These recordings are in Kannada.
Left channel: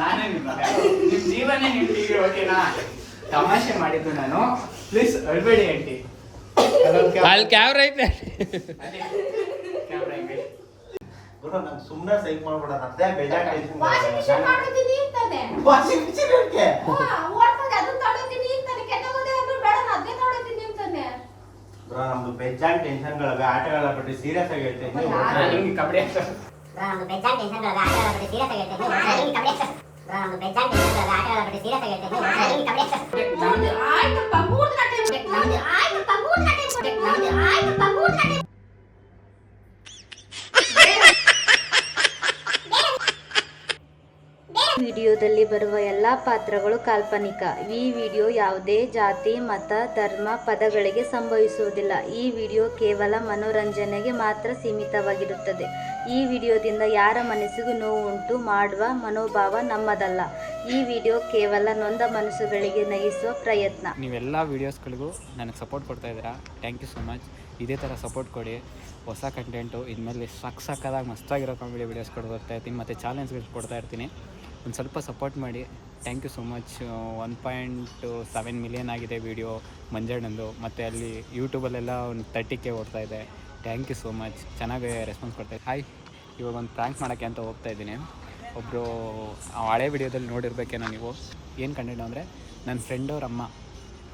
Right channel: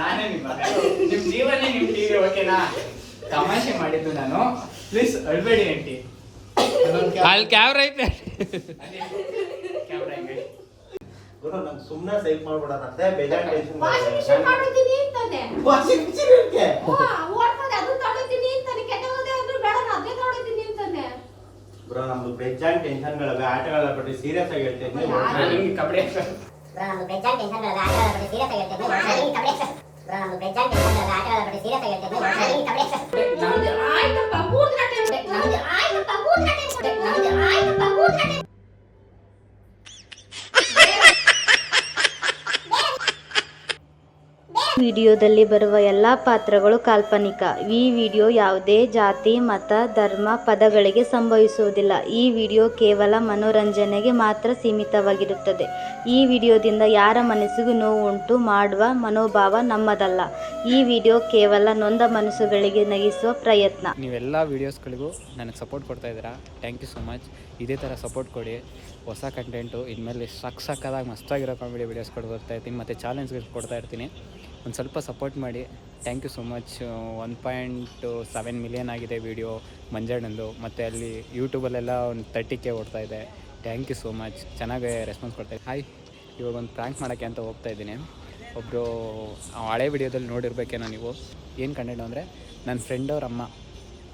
ನಾನೇ ನಿಮ್ಮ ಜೀವನೇ ನಿಮ್ ಟಿವಿ ಓಕೆನಾ? ತಮಾಷೆ ಮಾಡಿದ್ದು ನಾನು. ಪ್ಲೀಸ್ ಅಳ್ಬೇಡಿ ಆಂಟಿ. ಅಲ್ಲಿ ಕ್ಯಾಮ್ರಾ ಐತೆ. ಗುರು ನಮ್ ಸುಮ್ಮನೆ ಸೈಕ್ ಮಾಡ್ಬೇಡ, ಅದೇ ಬೇಜಾರ್ ಟೆನ್ಷನ್. ವಾಷಿಂಗ್ ಮಿಷನ್ ಮಾಡೋದಿನಿ ಅಂತಾನೆ. ವಾಷಿಂಗ್ ಮಿಷನ್ ಯಾಕೆ? ಓಡ್ಕೊಂಡು ಅದು ತಗೊಳ್ತೀನಿ ಅಂತಾನೆ. ಕೆಟ್ಟೋಗದೆ ಅಂದ್ರೆ ಬೇಡ ನಾನು ಅದೇ ತಗೊಳ್ತೀನಿ ಅಂತಾನೆ. ಗುರು ನಮ್ದು ಬೇಜಾನ್ ಟೆನ್ಷನ್ಗಳವೆ, ಆಟಗಳ ಬಗ್ಗೆ ಸೀರಿಯಸ್ ಆಗಿ ಹೇಳ್ತೀನಿ. ನಿಮ್ಗೆ ಕಬಡ್ಡಿ ನಮ್ದು ಬೇಜಾನ್ ಟೆನ್ಷನ್ಗಳವೆ, ಆಟಗಳ ಬಗ್ಗೆ ಸೀರಿಯಸ್ ಆಗಿ ಹೇಳ್ತೀನಿ. ನಮ್ದು ಬೇಜಾನ್ ಟೆನ್ಷನ್ಗಳವೆ, ಆಟಗಳ ಬಗ್ಗೆ ಸೀರಿಯಸ್ ಆಗಿ ಹೇಳ್ತೀನಿ. ನಮ್ದು ಆಯ್ತಪ್ಪ 3 ಗಂಟೆ ನಮ್ದು ಆಯ್ತಪ್ಪ 3 ಗಂಟೆ ನಮ್ದು ಆಯ್ತಪ್ಪ 3 ಗಂಟೆ. ವಿಡಿಯೋದಲ್ಲಿ ಬರುವ ಎಲ್ಲ ಪಾತ್ರಗಳು ಕಾಲ್ಪನಿಕ. ಈ ವಿಡಿಯೋ ಯಾವುದೇ ಜಾತಿ, ಮತ, ಧರ್ಮ, ಪದಗಳಿಗೆ ಸಂಭವಿಸುವುದಿಲ್ಲ. ಈ ವಿಡಿಯೋ ಕೇವಲ ಮನೋರಂಜನೆಗೆ ಮಾತ್ರ ಸೀಮಿತವಾಗಿರುತ್ತದೆ. ಈ ವಿಡಿಯೋದಿಂದ ಯಾರ ಮನಸ್ಸಿಗೂ ನೋವು ಉಂಟು ಮಾಡುವ ಮನೋಭಾವ ನಮ್ಮದಲ್ಲ. ಈ ವಿಡಿಯೋ ಕೇವಲ ನೊಂದ ಮನಸ್ಸುಗಳಿಗೆ ನಗಿಸುವ ಪ್ರಯತ್ನ. ನೀವೆಲ್ಲ ವೀಡಿಯೋಸ್ಗಳಿಗೂ ನನಗೆ ಸಪೋರ್ಟ್ ಕೊಡ್ತಾ ಇದ್ದೀರಾ. Thank you so much. ಇದೇ ಥರ ಸಪೋರ್ಟ್ ಕೊಡಿ. ಹೊಸ ಕಂಟೆಂಟು ಇನ್ಮೇಲೆ ಸಕ್ಕದಾಗಿ ಮಸ್ತಾಗಿರೋ ಕಾಮಿಡಿ ವೀಡಿಯೋಸ್ಗಳು ಬರ್ತಾ ಇರ್ತೀನಿ ಮತ್ತು ಚಾಲೆಂಜ್ಗಳು ಕೊಡ್ತಾ ಇರ್ತೀನಿ. ಒಂದು ಸ್ವಲ್ಪ ಸಪೋರ್ಟ್ ಮಾಡಿ. Thank you so much. 1.7 million ಆಗಿದೆ ವೀಡಿಯೋ ಮಂಜಣ್ಣಂದು, ಮತ್ತು ಅಲ್ಲಿ ಯೂಟ್ಯೂಬಲ್ಲೆಲ್ಲ ಒಂದು 30K ಓಡ್ತಾ ಇದೆ. Thank you so much. ಚೆನ್ನಾಗಿ ರೆಸ್ಪಾನ್ಸ್ ಕೊಡ್ತಾಯಿದ್ದೆ. ಹಾಯ್, ಇವಾಗ ಒಂದು ಪ್ರ್ಯಾಂಕ್ ಮಾಡೋಕ್ಕೆ ಅಂತ ಹೋಗ್ತಾ ಇದ್ದೀನಿ. ಒಬ್ಬರು ಹಳೆ ವಿಡಿಯೋದಲ್ಲಿ ನೋಡಿರ್ಬೇಕೇನೋ ನೀವು. ಏನು ಕಂಟೆಂಟ್ ಅಂದರೆ, ನನ್ನ ಫ್ರೆಂಡ್ ಅವ್ರ ಅಮ್ಮ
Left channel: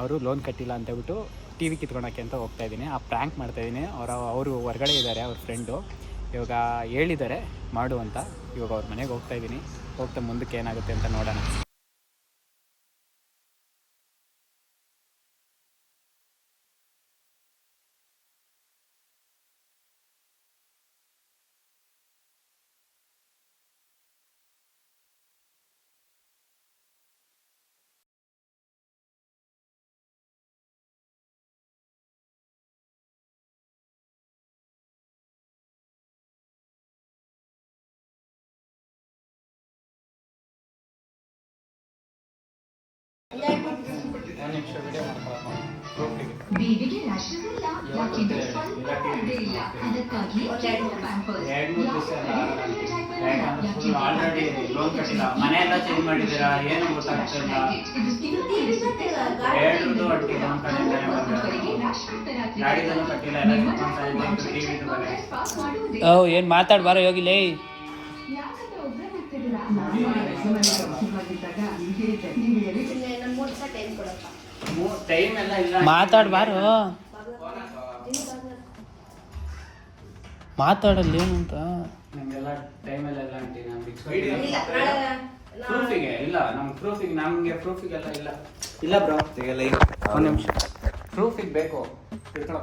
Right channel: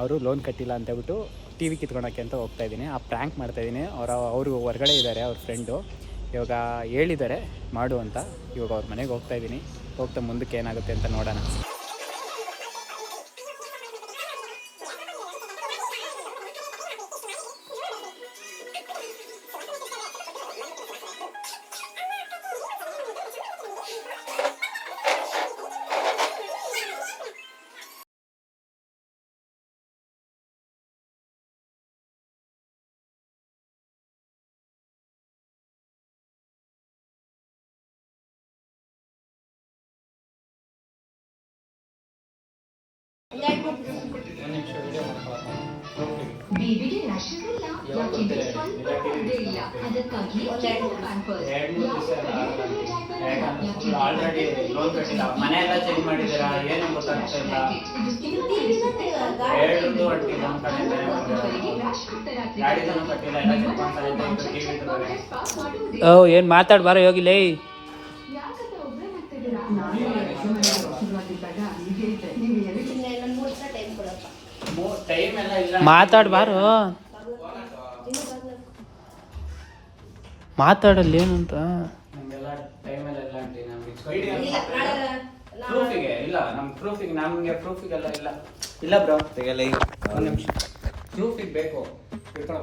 ಅವರು ಲೋನ್ ಕಟ್ಟಿಲ್ಲ ಅಂತೇಳ್ಬಿಟ್ಟು ಟಿ ವಿ ಕಿತ್ಕೊಳಕ್ಕೆ ಅಂತ ಹೋಗ್ತಾ ಇದ್ದೀನಿ. ಆ ಪ್ರ್ಯಾಂಕ್ ಮಾಡ್ತಾಯಿದ್ದೀನಿ. ಅವರು ಹೊರಗಡೆ ಇದ್ದಾರೆ, ಅವ್ರ ಫ್ರೆಂಡು. ಇವಾಗ ಹೇಳಿದ್ದಾರೆ ಮಾಡು ಅಂತ. ಇವಾಗ ಅವ್ರ ಮನೆಗೆ ಹೋಗ್ತಾ ಇದ್ದೀನಿ. ಹೋಗ್ತಾ ಮುಂದಕ್ಕೆ ಏನಾಗುತ್ತೆ ಅಂತ ನೋಡೋಣ. ಬೇಬಿಗೆ ರ್ಯಾಷಸ್ ಇಲ್ಲ, ಯಾಕೆಂದ್ರೆ ಸ್ವಲ್ಪ ಪರ್ದೆ ಇಲ್ಲ, ಅದಕ್ಕಾಗಿ ಆಲ್ರೆಡಿ ಲೋನ್ ಕಟ್ಟಿಲ್ಲ, ಮನೆ ಎಲ್ಲ ಚೇಂಜ್ ಮಾಡಿದ್ದೀರಾ, ಏನು ಗೊತ್ತಾಗ್ತಾ ಇಲ್ಲ. ಎರಡು ಅಟ್ಟಿ ಗಾಡಿದನ್ನು ಕಟ್ಟಿಲ್ಲ, ಏನು ಮಾತಾಡ್ಬಾರ ಹೋಗಿಲೇ. ಮಾತಾಡ್ಬಾರು, ಮಾತಾಡಲ್ಲ ಏನಂತ. ನಮಗೆಲ್ಲ ಟೈಮ್ ಎಲ್ಲ ಆಂಟಿ. ಪ್ರೂಫಿಗೆ ಇಲ್ಲ, ನಮ್ಗೆ ಪ್ರೂಫಿಗೆ, ನಮಗೆ ಪ್ರೂಫಿಗೆಲ್ಲ ಇಲ್ಲ. ಇಲ್ಲ ಬ್ರೋ, ಒಂದು ನಿಮಿಷ ಪ್ರೂಫಿಗೆ ಬೇಕು. ಹಿಡ್ಕೊ,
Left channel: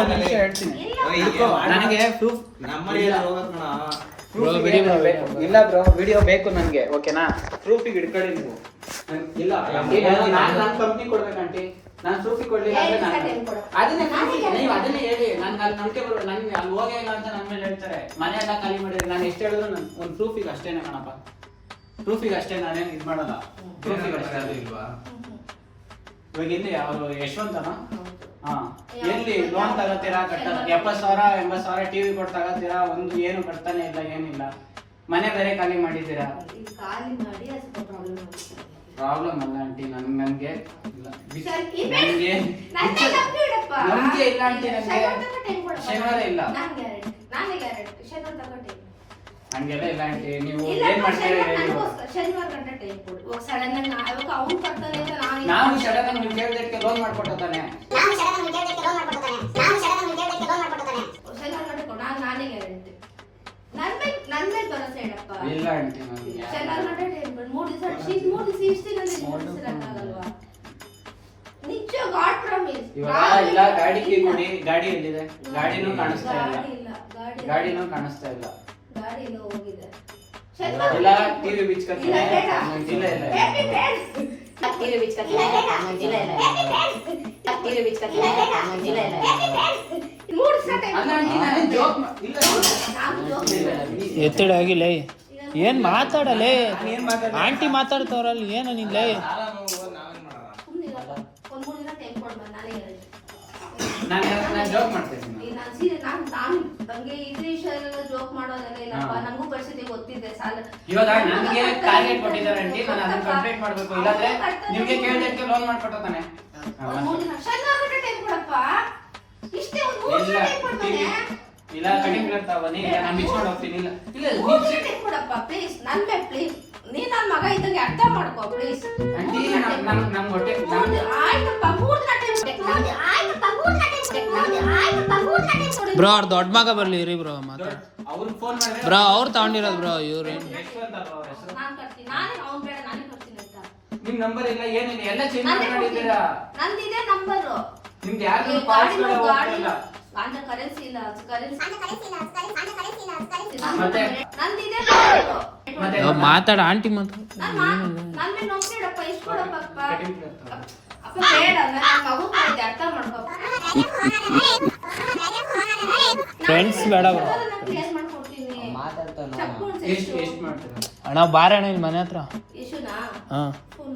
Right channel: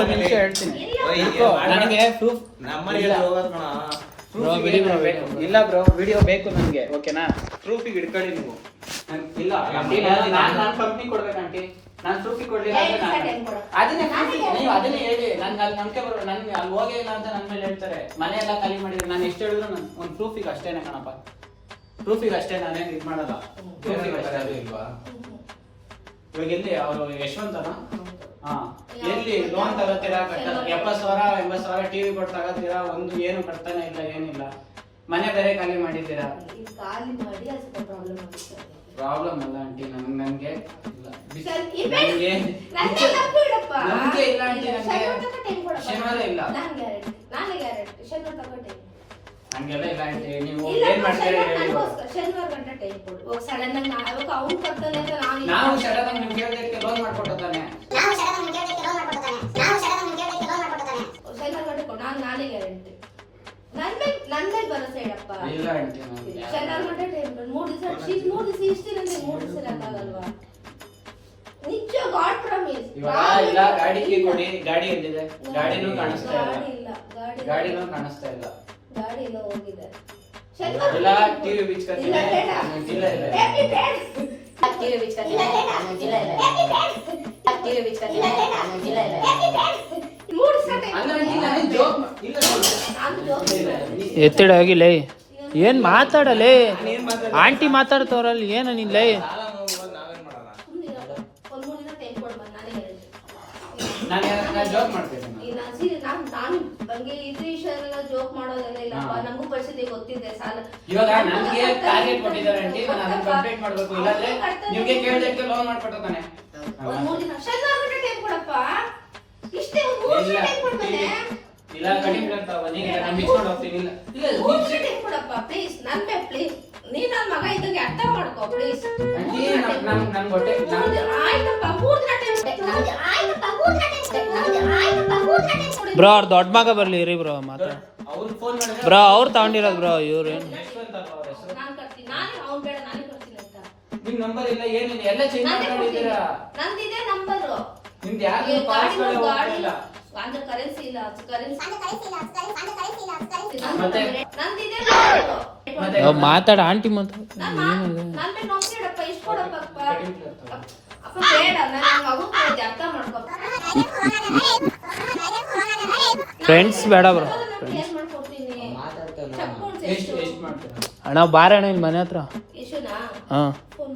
ಒಂದು ನಿಮಿಷ ಹೇಳ್ತೀನಿ. ನನಗೆ ಪ್ರೂಫ್ ಇಲ್ಲ ಬ್ರೋ, ವಿಡಿಯೋ ಬೇಕು ನನಗೆ, ಓಕೆನಾ? ಪ್ರೂಫಿಗೆ ಹಿಡ್ಕೊಳ್ಳಿ ನೀವು. ಇಲ್ಲ ನಾನು ಕಂಪ್ನಿ ಕೊಡ್ಬೇಕು ಆಂಟಿ. ನಾನು ಪ್ರೂಫಿಗೆ ಕೊಡ್ಲಿಲ್ಲ ಅಂದ್ರೆ ಅದನ್ನೇ ನೀವು ಅದನ್ನೇ ಹೇಳಿ. ನನ್ಗೆ ಅಲ್ಲಿ ನಂಬಿಕೆ ಬರ್ಬೇಕು. ನನ್ಗೆ ಅಲ್ಲಿ ಹೋಗಿ ಅಂತ ನನ್ನ ಮೇಲೆ ಹೇಳ್ತಾರೆ, ಮನೆ ಎಲ್ಲ ಖಾಲಿ ಮಾಡಿದ್ರೆ ನಾನು ಎಷ್ಟು ಹೇಳಿದ್ರು ಒಂದು ಪ್ರೂಫಿಗೆ ಅಷ್ಟೇನೆ ಕಣಪ್ಪ. ಪ್ರೂಫಿಗೆ ಅಷ್ಟೇ, ನಾನೇನು ಇದು ಮಾಡಲ್ಲ. ಪ್ರೂಫಿಗೆ ಅಷ್ಟೇ. ಅದು ಇಲ್ವಾ ಇವಾಗ ಇಲ್ಲಿ ಅವರು ಯಶವಂತನ ಎಲ್ಲಿ ಲೋನ್ ತಗೋತೀರಾ? ಕಟ್ಟಲ್ಲ. 70,000 80,000 ಟಿವಿ ಕೊಟ್ಟು ತಗೋತೀರಾ, ಒಂದು ಏನು ಕಟ್ತಾನೆ ಇಲ್ಲ, ಏನಿಲ್ಲ. ಮನೆ ಬೇರೆ ಖಾಲಿ ಮಾಡಿದ್ದೀರಾ. ಪ್ರಾಬ್ಲಮ್ ಅಲ್ಲ ಆಂಟಿ, ನನ್ಗೆ ನಂಗೆ ಇಲ್ಲ ಆಂಟಿ. ನನಗೆ ಶನಿವಾರ ಇಲ್ಲ, ಹಂಗೆಲ್ಲ ಇಲ್ಲ ಆಂಟಿ. ನೀವು ಏನ್ ಮಾಡ್ತೀರಾ ಹೇಳಿ. ನಾವು ಸಡನ್ ನಿಮ್ಗೆ ಕೇಳಿದಕ್ಕೆ ಲೋನ್ ಮಾಡ್ಕೊಡ್ತಾನೆ. ಇಲ್ಲ ಆಂಟಿ, ಇವಾಗ ಇಲ್ಲ. ಗಾಡಿ ಕೀ ಕೊಡಿ. ಗಾಡಿ ಎಲ್ಲಿದೆ? ಗಾಡಿನೂ ಕಾಣಿಸ್ತಾ ಇಲ್ಲ. ಗಾಡಿನೂ ಕಾಣಿಸ್ತಾ ಇಲ್ಲ. ಇಲ್ಲ ಟಿವಿ ಬಿಚ್ಕತ್ತೀನಿ. ಜಿಲ್ಲೆ ಇಲ್ಲ. ಟಿವಿ ಬಿಚ್ಕತ್ತೀನಿ. ಜಿಲ್ಲೆ ಇಲ್ಲ. ಟಿವಿ ಬಿಚ್ಕತ್ತೀನಿ. ಜಿಲ್ಲೆ ಇಲ್ಲ. ಎತ್ತಡ ಆಗಿಲ್ಲ. ಏನ್ ಮಾತಾಡಲೇ ಆಂಟಿ ಮಾತಾಡ್ತವ್ರಲ್ಲಿ ಏನು ನಿಲ್ಲ. ಜೋಕ್ ಮಾಡ್ತೀನಿ ನಾನು ಹಂಗೆ ಇದು ವಿಷಯ ಜೋಕ್ ಮಾಡೋದೆಲ್ಲ ಇಲ್ಲಪ್ಪ. ನಮಗೂ ಪರಿಸ್ಥಿತಿ ಗೊತ್ತಿದೆ. ಸಾಲ ಇವಾಗ ನನಗೆ ಟಾರ್ಗೆಟ್ ಕೊಟ್ಟಿದ್ದಾರೆ ಆಂಟಿ, ನಾನು ಅದನ್ನ ಕಂಪ್ಲೀಟ್ ಮಾಡ್ಬೇಕು. ಇಲ್ಲಾಂದ್ರೆ ನಿಮ್ಗೆ ಕೇಳಿದಕ್ಕೆ ಲೋನ್ ಮಾಡ್ಕೊಡ್ತಾನೆ. ಒಂದ್ 3 ದಿನ ಶನಿವಾರ ಟೈಮ್ ಕೊಡಪ್ಪ. ಇಷ್ಟೇ ಒಂದು 3 ದಿನ ಟೈಮ್ ಕೊಡ್ತಾನೆ. ಇಲ್ಲ ಕಡಿಮೆ ಇರ್ತಾವ, ನೀನು ನಾನು ಬಿಚ್ಕೊಂಡು ಹೋಗ್ತೀನಿ. ಇಲ್ಲ 3 ದಿನ ಟೈಮ್ ಕೊಡಪ್ಪ ಪ್ಲೀಸ್. ನನ್ನೇ ಪ್ಲೀಸ್. ನೀ ನನ್ನ ಮಗ ಇದ್ದಂಗೆ ಅರ್ಥ ಮಾಡ್ಕೋ ಪ್ಲೀಸ್. ಆಂಟಿ ನಮ್ ಹೊಟ್ಟೆ ಆಯ್ತಪ್ಪ 3 ದಿನ ಟೈಮ್ ಕೊಡೆ. ಆಯ್ತಪ್ಪ 3 ದಿನ ಟೈಮ್ ಕೊಡೆ. ಆಯ್ತಪ್ಪ 3 ದಿನ ಟೈಮ್ ಕೊಡೆ. ಬ್ರೋ ಅವ್ರ ದೊಡ್ಡ ಮಗ ಬರ್ಲಿ ಇರಿ ಬ್ರೋ ಮಾತಾಡ. ಅವ್ರು ಫೋನ್ ಮಾಡಿದ್ರೆ ಬ್ರೋ ಅವ್ರು ತಗೊಂಡಿರೋದು ಬ್ರೋ ಇವ್ರು. ಎಷ್ಟು ಅಂತ ಅವ್ರ ಹೆಸರು? ನಾನು ಕರ್ತೀನಿ. ನಾನು ಅವ್ನು ಬೇಡ, ನಾನೇ ಕರ್ತೀನಿ ಅಂತ. ನಿಮ್ ನಂಬರ್ ಇಲ್ಲ ಏನಿಲ್ಲ, ಎಲ್ಲ ಚೇಂಜ್ ಮಾಡಿದ್ದೀರಾ. ನಂದಿದೆ ನಂಬರ್. ನಿಮ್ದು ಯಾರು ಪಾಸ್ವರ್ಡ್ ಹೋಗ್ತಿಲ್ಲ. ಅಂದ್ರೆ ಕರೆನ್ಸಿ ಇಲ್ಲ, ಕರೆನ್ಸಿ ಮತ್ತೆ? ನಂದಿದೆ ಮತ್ತೆ ಮಾತಾಡ ಆಂಟಿ ಮಾತಾಡ. ನನ್ನ ನೋಡ್ಬೇಡಪ್ಪ. ಇಷ್ಟು ಕೊಡಪ್ಪ ಅಪ್ಪ ಬೇಡ. ನನ್ನ ಮಗು ಅರ್ಥ ಮಾಡ್ಕೋ. ಫ್ರೆಂಡ್ಸ್ ಬೇಡ ಬ್ರೋ. ಕ್ಲಿಯರ್ ಮಾಡ್ಕೊಡ್ತೀನಿ. ಚಪ್ಕೊಂಡು ಎಷ್ಟು ಎಷ್ಟು ಮಾಡ್ತೀರಾ? ಅಣ್ಣ ಬಾರಣ್ಣ ನಿನ್ ಮನೆ ಹತ್ರ. ಯಶುನಾ ಹಾ ಫೋನ್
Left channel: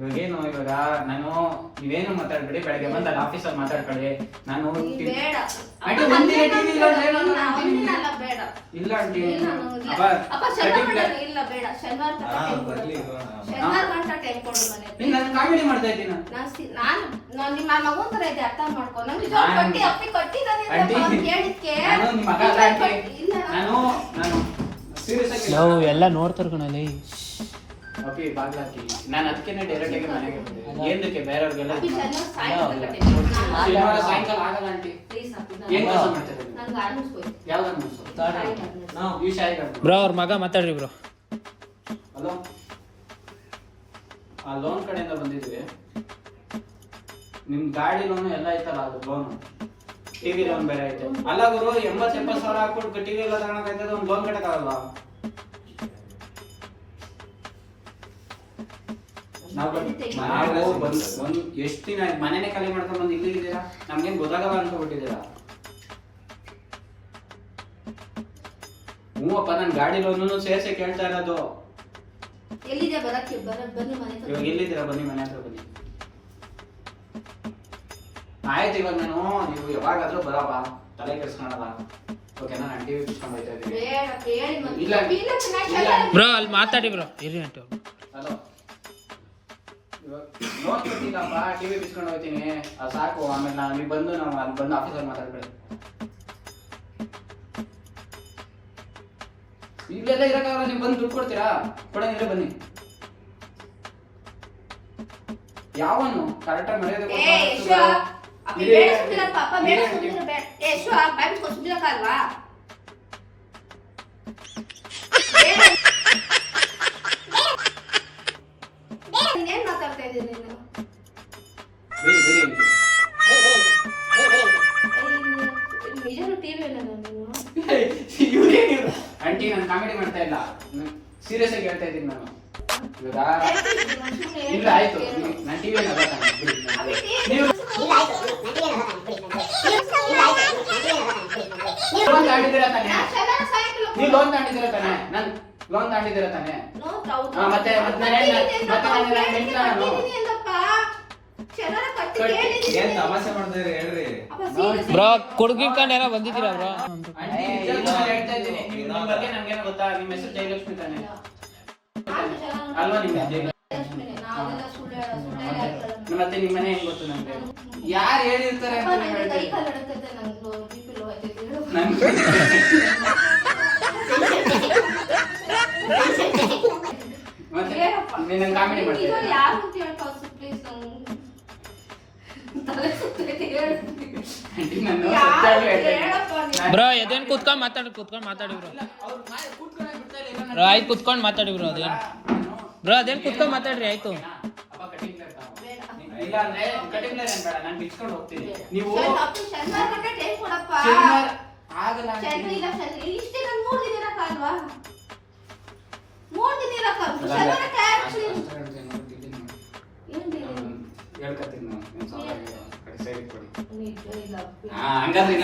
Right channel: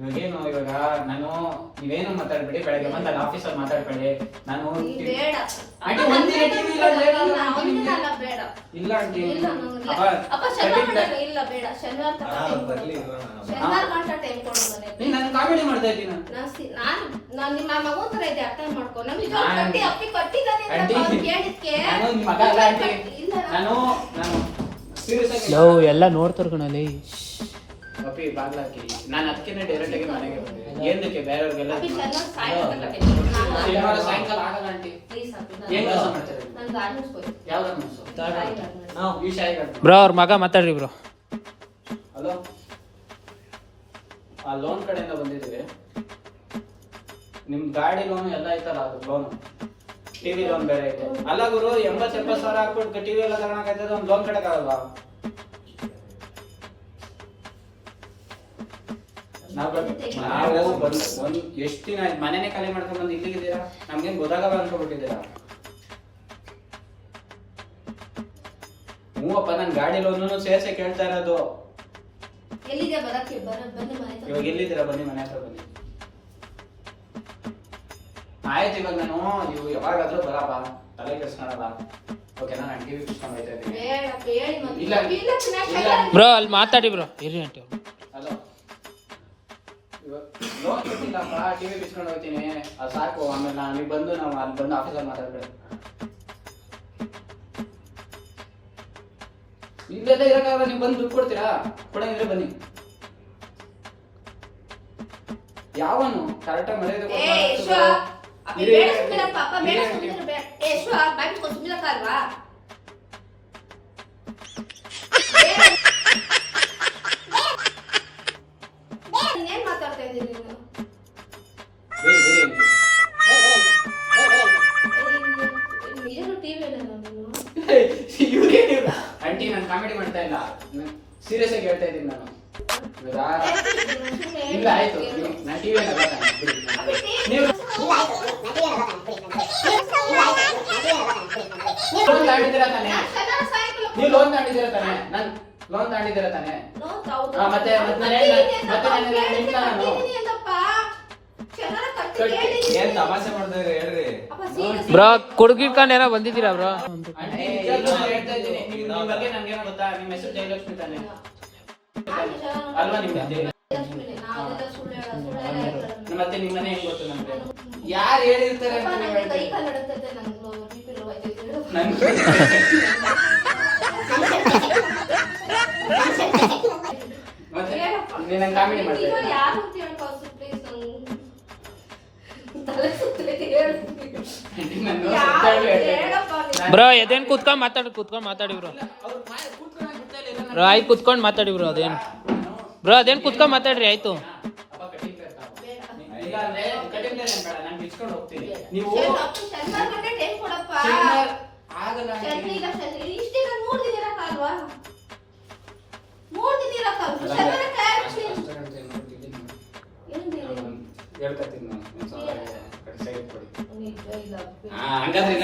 ಇವಾಗ ಏನು ಇವಾಗ ನಾನು ನೀವೇನು ಮಾತಾಡ್ಬೇಡಿ, ಬೆಳಗ್ಗೆ ಬಂದು ಅಲ್ಲಿ ಆಫೀಸಲ್ಲಿ ಮಾತಾಡ್ಬೇಡಿ. ನಾನು ಬೇಡ. ಆಂಟಿ ಒಂದಿನ ಟಿವಿ ಇಲ್ಲ ಬೇಡ. ಇಲ್ಲ ಆಂಟಿ ಇಲ್ಲ ಅಪ್ಪ ಶನಿವಾರ ಇಲ್ಲ ಬೇಡ. ಶನಿವಾರ ಶನಿವಾರ ಗಂಟ ಟೈಮ್ ಕೊಡು ಮನೆ. ನಾನು ಕಾಮಿಡಿ ಮಾಡ್ತಾ ಇದ್ದೀನಿ. ನಾನು ನಿಮ್ಮ ಮಗು ತರ ಇದೆ, ಅರ್ಥ ಮಾಡ್ಕೊ. ನಮ್ಗೆ ಜಾಬ್ ಕಟ್ಟಿ ಅಪ್ಪಿ ಕಟ್ಟಿದ್ದಾನೆ ಅಂತ ಅವ್ನು ಕೇಳಿದ್ಕೆ ನಾನು ನಿಮ್ಮ ಮಗ ಅಲ್ಲ ಆಂಟಿ. ನಾನು ಸೀರಿಯಸ್ ಆಗಿ ಎಲ್ಲ ನೋಡ್ತಾರ ಕಣಲ್ಲಿ. ಅಪ್ಪಿ ಬಾಗ್ಲಾಕಿ ನಾನು ಅದಕ್ಕೆನೆ ಡೈರೆಕ್ಟ್ ಆಗಿ ಮನೆಗೆ ಬಂದೆ. ಏನಕ್ಕೆ ಬೇರೆಯವ್ರಿಗೆಲ್ಲ ಅಪ್ಪಿ ಶನಿವಾರ ಸಾಯಂಕಾಲ ಆಗಲ್ಲ ಆಂಟಿ. ಪ್ಲೀಸ್ ಅಪ್ಪಿ ಏನ್ ಕೆಲಸ ಮಾಡ್ತಾರೆ? ನಾನು ಗಾರ್ಡನ್ಸ್ ಹೋಗಿ ಯಾವ್ದನ್ನ ಈ ಶಾಯಿ ಬ್ರೋ ಅವ್ರ ಮಗ ಮಾತಾಡ್ರಿ ಬ್ರೋ. ಹಲೋ, ಆ ಲೋನ್ ಕಡೆಯಿಂದ ಬಂದಿದ್ವಿ. ನಿಮ್ ಗಾಡಿ ಲೋನ್ ಎಲ್ಲ ಐತಲ್ಲ, ಅದು ಲೋನ್ ಟಿವಿ ಲೋನ್ ಬೇರೆ ಐತೆ. ಅಲ್ಲ ಗುರು, 80-70 ಸಾವಿರ ಹಾಕ್ಬಿಟ್ಟು ಟಿವಿ ಎಲ್ಲ ತಗೊಳಕಾಯ್ತದೆ, ಒಂದು ಲೋನ್ ಕಟ್ಟಕ್ಕಾಗಲ್ಲ. ನಾವು ಒಂದು ಎಷ್ಟು ದಿನ ಆಯ್ತು ಮನೆನೇ ಖಾಲಿ ಮಾಡ್ಕೊಂಡು ಬಂದು ಇಲ್ಲಿದ್ದೀರಾ? ನಮ್ಗೇನ್ ಗೊತ್ತಾಗಲ್ಲ ಅನ್ಕೊಂಡ್ಬಿಟ್ಟಿದ್ದೀರಾ? ಮೂವಪ್ಪ ನನ್ ಗಾಡಿ ಲೋನು ಸೇರ್ಸೆ ಕೇಳ್ತಾ ಇರೋದು. ಎಲ್ಲಿದೆ ಬರಕ್ಕೆ ಬನ್ನಿ ಮನೆ ಹತ್ರ. ಇವಾಗ ಎಲ್ಲಿದ್ದೀರಾ? ಬನ್ನಿ ಮನೆ ಹತ್ರ ಬನ್ನಿ. ಆಯ್ತು, ಇವಾಗ ನಾನು ನೀವು ಯಾವಾಗಾದ್ರೂ ಬರಪ್ಪ, ತಲೆ ಕೆಡಿಸ್ಕೊಳಲ್ಲ. ಓಕೆನಾ? ನಾನು ಟಿವಿ ಬಿಚ್ಕೊಂಡು ಹೋಗ್ತಾ ಇದ್ದೀನಿ. ಬೇಡ ಹೇಳಿ ಮತ್ತೆ. ಇಲ್ಲ. ಇಲ್ಲ ಚೆನ್ನಾಗಿ ಬ್ರೋ ಅಲ್ಲಿ ಮಾತಾಡಿ ಬ್ರೋ ಇರಿ ಆಂಟಿ. ಹಲೋ, ಇವಾಗ ಲೋನ್ ಕೊಟ್ಟಿಲ್ಲಪ್ಪ, ಟಿವಿ ಬಿಚ್ಕೊಂಡು ಹೋಗ್ತೀನಿ, ಅದು ಸಾಕು. ಆಮೇಲೆ ನಾನು ನೀವು ಬಂದು ನಾವು ಅಲ್ಲಿ ಬಂದು ಆಫೀಸಲ್ಲಿ ಮಾತಾಡ್ಬೇಡಿ. ಇಲ್ಲೆಲ್ಲ ಇರಕ್ಕಾಗಲ್ಲ, ನೀವು ಬಂದು ದುಡ್ಡು ಕೊಡ್ತೀರಾ? ಕೊಡಂಗಿದ್ರೆ ಬನ್ನಿ. ಯಾವನು ಕರೆಕ್ಟಾಗಿ ಮರ್ಯಾದೆ ಏನ್ ಮಾತಾಡ್ತಾ ಇದ್ದೀನಿ ನೀನು? ನಿಜನು ಟಿವಿ ಆಂಟಿ, ನಾನು ಕಾಮಿಡಿ ಮಾಡ್ತಾ ಇಲ್ಲ, ಸೀರಿಯಸ್ ಆಗಿ ಹೇಳ್ತಾ ಇದ್ದೀನಿ ನಾನು. ಇಲ್ಲ ಆಯ್ತು, ನಾನು ಟಿವಿ ಲೋನ್ ತಾಂಡಿದ್ದೀರಾ ತಾನೆ? ನೀವು ಲೋನ್ ತಾಂಡಿದ್ದೀರಾ ತಾನೆ? ನಾನು ಲೋನ್ ತಾಂಡಿದ್ದೀರಾ ತಾನೆ? ಮತ್ತೆ ಏನ್ ತಮಾಷೆ ಮಾಡ್ತಾರೆ ಹೇಳ್ರಿ. ಬ್ರೋ ಕುಡ್ಗಿರ್ಕೊಂಡು ಏನೋ ಬಂದಿದ್ದೀರಾ ಬ್ರೋ? ಆಂಟಿ, ನಿಜವಾಗ್ಲೂ ಹೇಳ್ತಾ ಇದ್ದೀನಿ, ನಿಮ್ಮ ಬಗ್ಗೆ ನನಗೇನೋ ಗೊತ್ತಾ? ನಿಮ್ಮ ಹೆಸರು ಜಯಲಕ್ಷ್ಮಿ ತಾನೆ ಅಲ್ವಾ? ನಿಮ್ಮ ಮತ್ತೆ ನಿಮ್ಮ ಮನೆ ಹೆಂಗ್ ಗೊತ್ತು ನನಗೆ? ಯಾರು ಹೇಳಿರ್ತಾರೆ ಅಂತ ನೀವು ಹೇಳ್ತೀರಿ? ಮತ್ತೆ ನೀನು ಕಾಮಿಡಿ ಮಾಡ್ತೀಯ? ಬ್ರೋ ಎದೇನ್ ಕುತ್ಕೊಂಡ್ ಮಾತಾಡಿ ಬ್ರೋ. ಬ್ರೋ ಆಯ್ತು ಕುತ್ಕೊಂಡ್ ಮಾತಾಡಿ ಬ್ರೋ. ಅದೇನ್ ಬ್ರೋ ಅದೇನ್ ಕುತ್ಕೊಂಡ್ ಮಾತಾಡ್ರಿ ಆಯ್ತು. ಇಲ್ಲ ಅಂದ್ರೆ ಕಟಿಂಗ್ ಏನ್ ಬೇಡ, ನಾನು ಬಿಚ್ಕೊಂಡು ಹೋಗ್ತೀನಿ. ನೀವು ಆಗಲ್ಲ. ಹೇಳ್ಕೊತೀನಿ ಹಂಗಾದ್ರೆ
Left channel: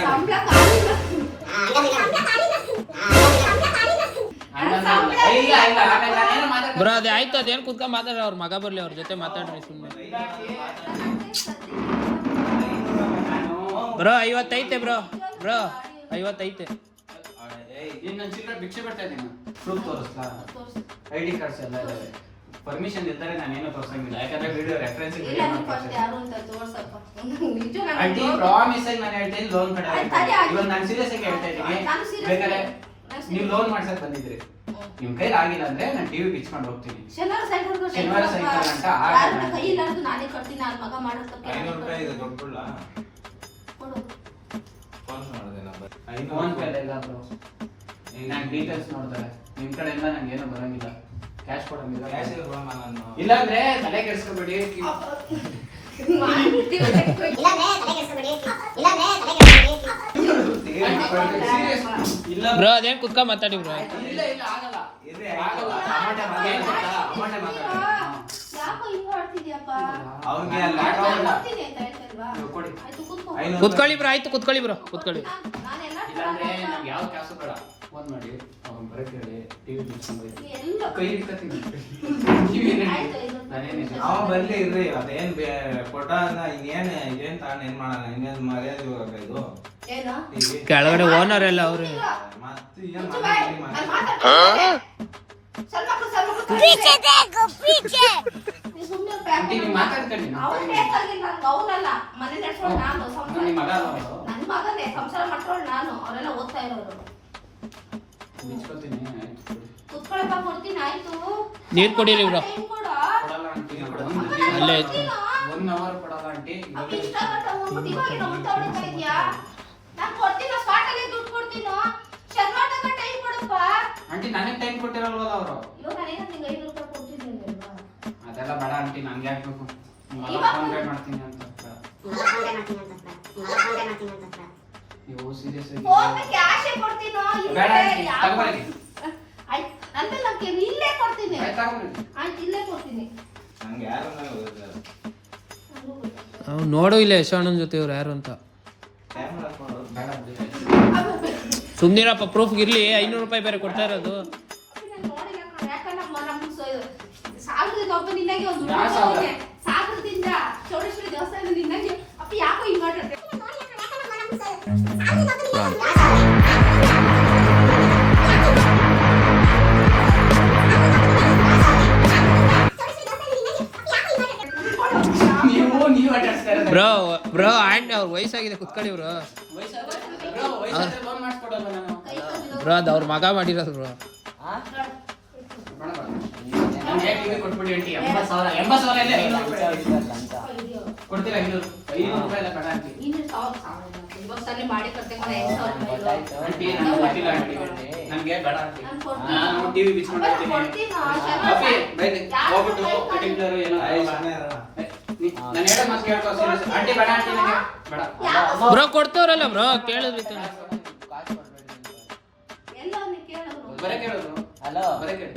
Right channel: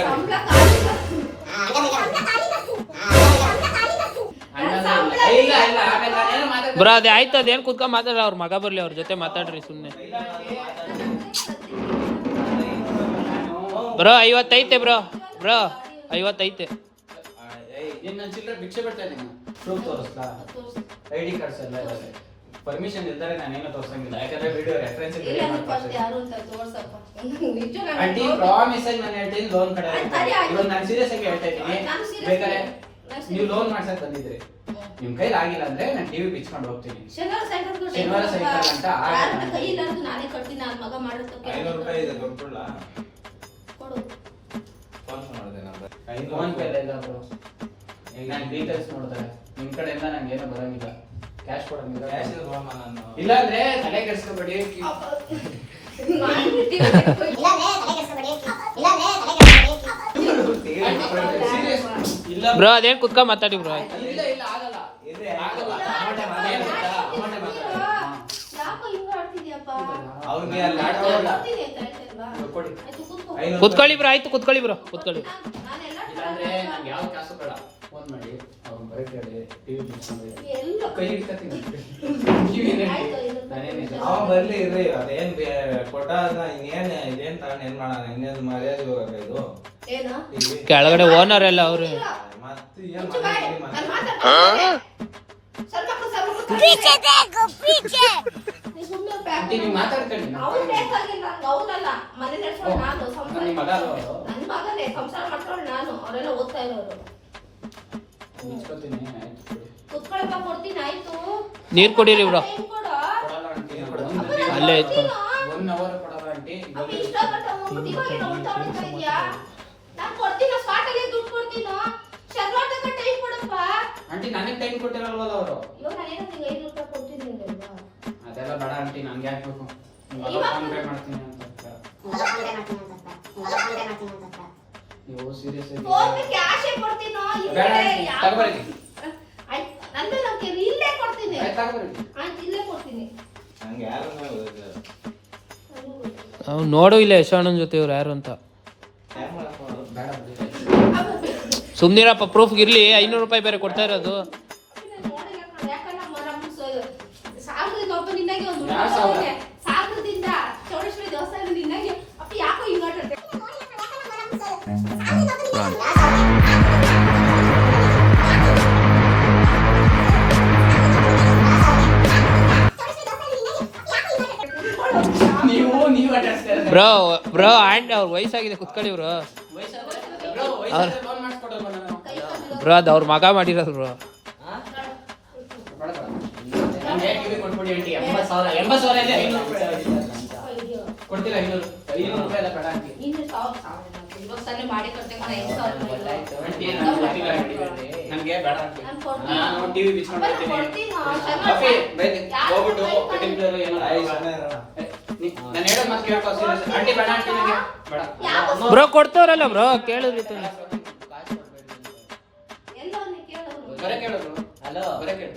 ಬ್ರೋ ಅದೇ ಆಯ್ತು. ಅದೇನ್ ಕುತ್ಕೊಂಡ್ ಮಾತಾಡ್ರಿ, ಅವ್ರ ಮಗ ಬರ್ಲಿ, ಅವ್ರ ಜೊತೆ ಮಾತಾಡ್ರಿ ಸುಮ್ಮನೆ. ಬ್ರೋ 50 ಐತೆ ಬ್ರೋ 50 ಐತೆ. ನೀನು ನನ್ನ ಚಿಲ್ಲರೆ ಭಿಕ್ಷೆ ಬಿಡ್ತಾ ಇದ್ದೀನಿ. ಪ್ರೂಫ್ ತೋರಿಸ್ಲಾ? ID ಕಾರ್ಡ್ಸ್ ಎಲ್ಲ ಇದಾವೆ. ಪರ್ಮಿಷನ್ ಇಲ್ದರೆ ನಾನೇನು ತೋರಿಸಂಗಿಲ್ಲ, ಯಾಕಂದ್ರೆ ವಿಡಿಯೋ ರೆಫರೆನ್ಸ್ ಆಂಟಿ ಪ್ರಾಮಿಸ್ ಆಗಿ ನಾನು ಹೇಳ್ತೀನಿ ಲೋನ್ ಕಡೆ ಇವಾಗ ನಾನು ಸೀರಿಯಸ್ ಆಗಿ ಹೇಳ್ತಾ ಇದ್ದೀನಿ. ಬೇಕಾದ್ರೆ ನೀವು ಲೋನ್ ಮಾಡ್ಸಕ್ ಬಂದಿದ್ರಿ, ನಿಮ್ ಕೈಲಿ ಆಗಿಲ್ಲ ಅಂದ್ರೆ ನಾನು ಟಿವಿ ಬಿಚ್ಕೊಂಡು ಹೋಗ್ತೀನಿ. ಶನಿವಾರ ಸಾಯಂಕಾಲ ಅಂತ ಕೈ ಇಲ್ಲಾರ್ದು ನಾನೇ ಕಟ್ತೀನಿ. ನನ್ನ ಮಗ ಮಾಡೋದಕ್ಕೆ 500 ರೂಪಾಯಿ ಇದೆ ಕೊಟ್ಬಿಡ್ಲಾ? ಕೊಡು. ಫೋನ್ ಪೇ ಇಲ್ಲ ಬ್ರೋ. ನಾನು ಡೀಟೇಲ್ಸ್ ನೋಡ್ತಾರೆ ನಿಮ್ ಕಡೆಯಿಂದ ನಂಗೆ ಏನೂ ಬರಂಗಿಲ್ಲ, ಕ್ಯಾಶ್ ಕೊಡಂಗಿಲ್ಲ. ಇಲ್ಲ ಅಂದ್ರೆ ತಲೆ ಕೆಡಿಸ್ಕೊಬೇಡಿ. ಇಲ್ಲ ಬ್ರೋ ಅದೇನ್ ಕುತ್ಕೊಂಡ್ ಮಾತಾಡಿ ಬ್ರೋ. ಇಲ್ಲ ಆಗಲ್ಲ. ಆಗಲ್ಲ. ಅಮೌಂಟ್ ಯಾಕೋ ಹಿಂಗ ಆಡ್ತಿದ್ಯಪ್ಪ? ಅವ್ರಿಗೆ ಅಲ್ಲಿ ಆಟವಲ್ಲ. ಕೊಡ್ತೀನಿ ಅಂತ ಹೇಳ್ತಲ್ವಾ? ಕೊಡಿ. ಆಯ್ತು, ಕೂತ್ಕೊ. ಕುತ್ಕೊಳ್ಳಿ ಬ್ರೋ, ಆಯ್ತು ಕುತ್ಕೊಳ್ಳಿ ಬ್ರೋ, ಕುತ್ಕೊಳ್ಳಿ. ನಾನೆಲ್ಲ ಇಲ್ಲಾಂದ್ರೆ ನಮ್ಗೆ ಯಾವ ಕ್ಯಾಸು ಬೇಡ, ಫೋನ್ ಮಾಡಿ ಅವ್ರನ್ನ ಬರಕ್ಕೆ ಹೇಳಿ ಟಿವಿ ಬಿಚ್ಕೊಂಡು ಎಲ್ಲ ಕೈ ಇಟ್ಕೊತೀನಿ. ಅವ ಬರ್ಲಿ ಇರ್ರಿ, ಅದೇನ್ ಕೊಟ್ಟ ಇನ್ನೇನ್ ಇದೇನ್ ತಾನು ಏನ್ ಮಾಡೋಣ, ಇನ್ನೇನ್ ಮರ್ಯಾದೆ ಇವಾಗ ಇದು ಏನು? TV. ಕೆಳಗಡೆ ಓನರ್ ಎಲ್ಲ ಅವ್ರೆ. ಮತ್ತೆ ಏನ್ ಮುಚ್ಚು ಬಾಯ್. ಮಾಡಿ ನಾನ್ ಮಾತಾಡ್ತೀನಿ. ಸಣ್ಣ ಮಕ್ಳು ನೀನ್ ಸುಮ್ನೆ ಪ್ಯಾಕ್ ಆಂಟಿ ನೀವು ಮಾತಾಡ್ಕೊಳ್ಳಿ. ಅವ್ರು ಬೇಕಾಗಿಲ್ಲ, ನಂಗೆ ಅವ್ರಲ್ಲ. ಮನೆ ನಡ್ಸೋಳು ನಾನು, ಸಂಸಾರ ನಿಮ್ಮ ಮಗ ಅಲ್ವಾ ಅವ್ರು? ನನ್ನ ಮಗನೇ, ಸಂಸಾರ ಮಾಡ್ಕೊಳ್ಳಿ ನಾನು. ಅವರೆಲ್ಲ ಓದ್ತಾ ಇರೋರು. ಬಿಚ್ಕೊತೀನಿ, ಆಯ್ತು ಕೊಡಿ. ಕುತ್ಕೊಳಪ್ಪ, ಕೊಡ್ತೀನಿ. ಆಯ್ತು, ನೀರ್ ಕೊಡಿರಿ ಬ್ರೋ. ಟೈಮ್ ಕೊಡು. ಕೊಡಲ್ಲ ಆಂಟಿ, ಅಲ್ಲೇ ಇತ್ತು. 1 hour ಕೊಡಲ್ಲ ಆಂಟಿ. ಅಪ್ಪ ಇಷ್ಟಪಟ್ಟು ಹೋಗ್ಬಿಟ್ಟು ಇವಾಗ ಏನೋ ಊಟ ಹೊಡಿತಾ ಇದೀಯಾ? ನಾನ್ ಕೊಡ್ತೀನೋ, ಸ್ಪಾಟ್ ಅಲ್ಲಿ ದುಡ್ಡು ಕೊಡ್ತೀನೋ. ಶರ್ವಾಟಕ್ಕೆ ಟೈಮ್ ಕೊಡಪ್ಪ. ಆಂಟಿ ನನಗೆ ಟೈಮ್ ಕೊಟ್ಟಿರಲ್ವಲ್ಲ ಅವರು? ಇವಾಗ ನಾನೇನೋ ನಿಂಗೆ 5 ರೂಪಾಯಿ ಕೊಡ್ತೀನಿ ಅಲ್ವಾ? ಅದೆಲ್ಲ ಬೇಡ ಆಂಟಿ, ನನ್ಗೆ ಯಾಕೆ ಬೇಕು? ಇವಾಗ ಫೋನ್ ಪೇ ಮಾಡ್ತೀನಿ ಅಂತ. ನೀವು ಸೀರಿಯಸ್ ಆಗಿ ಫೋನ್ ಪೇ ಕ್ಯಾಶೇ ಕೊಡ್ತೀನೋ? ಬೇಡ ಇಲ್ಲೇ ಆಂಟಿ, ಯಾವ- ತಗೊಬರ್ರಿ. ಆಯ್ತು, ನಂದೇ ನಂಗೆ ಇಲ್ಲೇ ಕೊಡ್ತೀನಿ. ಆಯ್ತು, ತಗೊಬರ್ರಿ. ಆಯ್ತು, ಇಲ್ಲೇ ಕೊಡ್ತೀನಿ. ನಂಗೆ ಯಾರ ಮೇಲೆ ಹೋಗಿಲ್ಲ. ನಂಗೂ ಗೊತ್ತು. ಅವ್ನು ನೋಡು ಇಲ್ಲ ಯಶಾಣನ್ ಜೊತೆ ಇವ್ರು ಯಾರು ಅಂತ. ಯಾರ್ ಮಾಡ್ಕೊಳ್ಳೋದು? ಬೇಡ ಬಿಡಿ. ಸುಮ್ನಿರಪ್ಪ, ಪ್ರೂಫ್ ಇರ್ಲಿ. 500 ರೂಪಾಯಿ ಬೇರೆ ಕೊಡ್ತಾ ಇರೋದು. ಸಾಗರದಿಂದ ಒಬ್ಬ ನಿನ್ನಾಗೆ ಒಂದು ಯಾವ ಸಾಗರ? ಸಾಗರದಿಂದ ಚೌಡೇಶ್ವರಿ ದೇವಸ್ಥಾನದಿಂದ ನಿನ್ನಾಗೆ ಅಪ್ಪ ಯಾಕೋ ಹಿಂಗ್ ಆಟಾಡ್ತೀಯ? ನೀವು ಅಡ್ರೆಸ್ ಬ್ರೋ ಆಂಡ್ ಅವ್ರ ವಯಸ್ಸಾಗಿದೆ, ಕುತ್ಕೊಳ್ಳಿ ಬ್ರೋ. ಲೋನ್ ಮಾಡಿಸ್ಕೊಡಲ್ವ ನಾನು? ಬ್ರೋ ಅದು ಅವ್ರ ಮಗ ಮಾಡಿರೋದು ಬ್ರೋ. ನಮ್ಗೆ ಟಿವಿ ಕೊಟ್ಬಿಡಿ ಆಂಟಿ. 80,000 ಇದೆ. 500 ಕೊಡ್ತೀರಾ? 500 ರೂಪಾಯಿ ಎಲ್ಲ ಬೇಡ ಆಂಟಿ. ಇನ್ನು 1,000 ಇವಾಗ ತಾನೇ ಮಾಡಿ ಕೊಡ್ತೇನೆ ಕಣೆ, 5,000 ಆಂಟಿ ನನಗೆ ಗೊತ್ತಿಲ್ಲ ಆಂಟಿ. ನಮ್ಗೆ ಬೇಡ ಆಂಟಿ. ನಾನು ಕೊಡ್ತೀನಿ. ನಾನು ಟಿವಿ ಬಿಚ್ಕೊಂಡು ಅಪ್ಪ, ಹೋಗ್ತೀನಿ. ಕೊಡ್ತೀನಿ. ಓಕೆ, ಬೈಲಿ. ಯಾರು ಹೋಗ್ಬಿಟ್ಟು ಕೊಡ್ತಾರೆ? ಕಟಿಂಗ್ದವರು ಏನೋ ಐದು ಜನ ಇರೋಣ. ನಾನು ಹೇಳೋ ಮಾತು ಕೇಳ್ಕೊ serious. ಆಂಟಿ ಬೇಡ ಆಂಟಿ ನನಗೆ ಬೇಡ. ಯಾವ- ಬ್ರೋ ಕೊಡ್ತವ್ರಲ್ಲ ಬ್ರೋ, ಕೇಳಿದ್ರಿ ತಾನೆ. ಎಲ್ಲ ಅವ್ನಿಗೆ ಕೇಳೋರು. ಬರೇ ಕೇಳೋದು. ಬರೇ ಕೇಳು.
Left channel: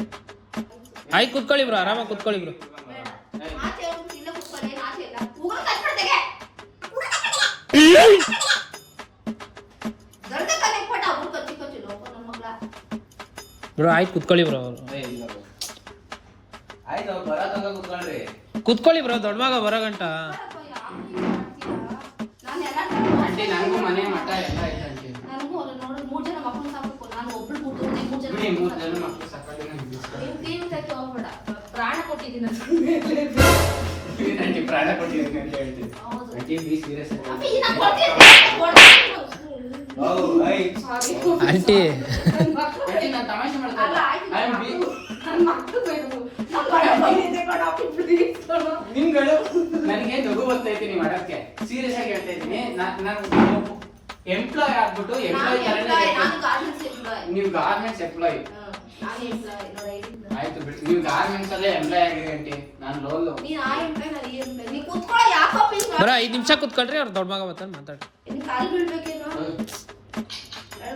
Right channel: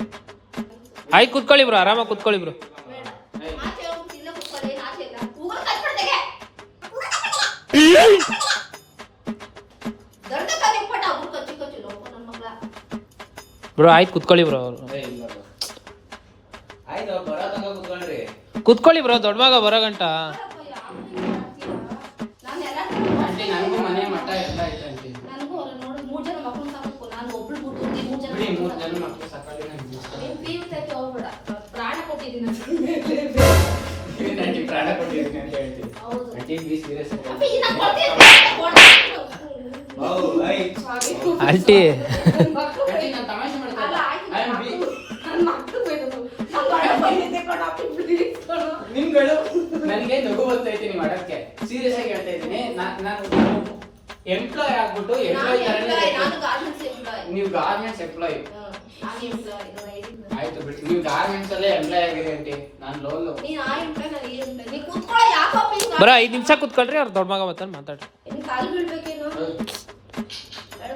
ಆಯ್ತು ಕುತ್ಕೊಳ್ಳಿ ಬ್ರೋ, ಆರಾಮಾಗಿ ಕುತ್ಕೊಳ್ಳಿ ಬ್ರೋ. ಆಚೆ ಹೋಗ್ಬಿಟ್ಟು ಇಲ್ಲೇ ಕೂತ್ಕೊಳ್ಳಿ, ಆಚೆ ಇಲ್ಲ. ಉಗುರು ಕಚ್ಬಿಡ್ತೆಗೆ. ದೊಡ್ಡ ಕತೆ ಕೊಟ್ಟ ಉಗುರು ಕಚ್ಚಿ ನಮ್ಮ ಮಗಳ. ಬ್ರೋ ಆಯ್ತು ಕುತ್ಕೊಳ್ಳಿ ಬ್ರೋ. ಏ, ಇಲ್ಲ bro. ಆಯ್ತು ಅವ್ರು ಬರೋ ತನಕ ಕೂತ್ಕೊಂಡ್ರಿ. ಕುತ್ಕೊಳ್ಳಿ ಬ್ರೋ, ದೊಡ್ಡ ಮಗ ಬರೋ ಗಂಟ. ನಾನು ಎಲ್ಲ ಆಂಟಿ ನನಗೂ ಮನೆ ಮಠ ಎಲ್ಲ ಐತೆ ಆಂಟಿ. ನನಗೂ ಅವ್ರು ನೋಡಿ 3 ಜನ ಮಕ್ಕಳು ಸಾಕು. ನಾನು ಒಬ್ಳು ಕೂತ್ಕೊಂಡು 3 ಜನ ಬಿಡಿ, 3 ಜನ ಮಕ್ಕಳು ಸಾಕಾಗಿ ನಂಗೆ ಇಷ್ಟ. ನೀನು ತೀವ್ರಕ್ಕೆ ಹೋಗ್ಬೇಡ. ಪ್ರಾಣ ಕೊಟ್ಟಿದ್ದೀನಿ ಆಂಟಿ ಪ್ರಾಣ ಕೊಟ್ಟಿದ್ದೀನಿ ಅಂತ ಹೇಳ್ತೀನಿ. ಹೌದು. ಆಂಟಿ ಬಿ ಸೀರಿಯಸ್ ಅಪ್ಪ, ಆಗಿ. ಇನ್ನ ಕೊಡ್ತೀನಿ. ಹೌದು, ಐ. Sorry. ಆಂಟಿ ನನ್ ಮಕ್ಳು ಆಂಟಿ ನಾನು ತಮಾಷೆ ಮಾಡ್ತಾ ಅಲ್ಲ, ಆಯ್ತು, I am big. ನನ್ ಮಕ್ಳು ಬೇಕು. ನನ್ ಮಗ ಬಂದಿದ್ದೆ ಕಣ, please ಕಣೋ. ನಿಮ್ಗಳು ನನಗೆ ನಗು ಬರ್ತೈತಿ ನೀವು ಮಾಡಕ್ಕೆ. ಸೀರಿಯಸ್ ಆಗಿ ಹೇಳ್ತಾ ಇದ್ದೀನಿ. ನಾನು ಎಂಪ್ಲಾಯ್ ಆಗ್ಬಿಟ್ಟು ಎಂಪ್ಲಾಯ್ ನಾನು ಗಾರ್ಮೆಂಟ್ಸ್ ಎಂಪ್ಲಾಯ್. ನೀವು ಗಾರ್ಮೆಂಟ್ಸ್ ಎಂಪ್ಲಾಯ್. ನಾನು ಎಂಪ್ಲಾಯ್. ನೋಡಿ, ಐಡಿ ಆಯ್ತು ಬಿಡಿ, ನೀವು ಗಾರ್ಮೆಂಟ್ಸ್ ಅಲ್ಲೇ ಎಂಪ್ಲಾಯ್ ಆಗಿರಿ ಆಂಟಿ. ನಾನು ಲೋಲು. ನೀನ್ ಆ ಎಂಪ್ಲಾಯ್, ನಾನು ಈ ಎಂಪ್ಲಾಯ್. ನೀ ಕೂತ್ಕೊಳ್ಳೋ, ಯಾಕಪ್ಪ ಹಿಂಗ? ಬ್ರೋ 5 ನಿಮಿಷ ಕುತ್ಕೊಳ್ರಿ, ಅವ್ರ ದೊಡ್ಡ ಮಗ ಬರ್ತಾನೆ ಮಾತಾಡ್ರಿ. ನಿನ್ ಕಾಲು ಬೀಳ್ಬೇಕೇನು?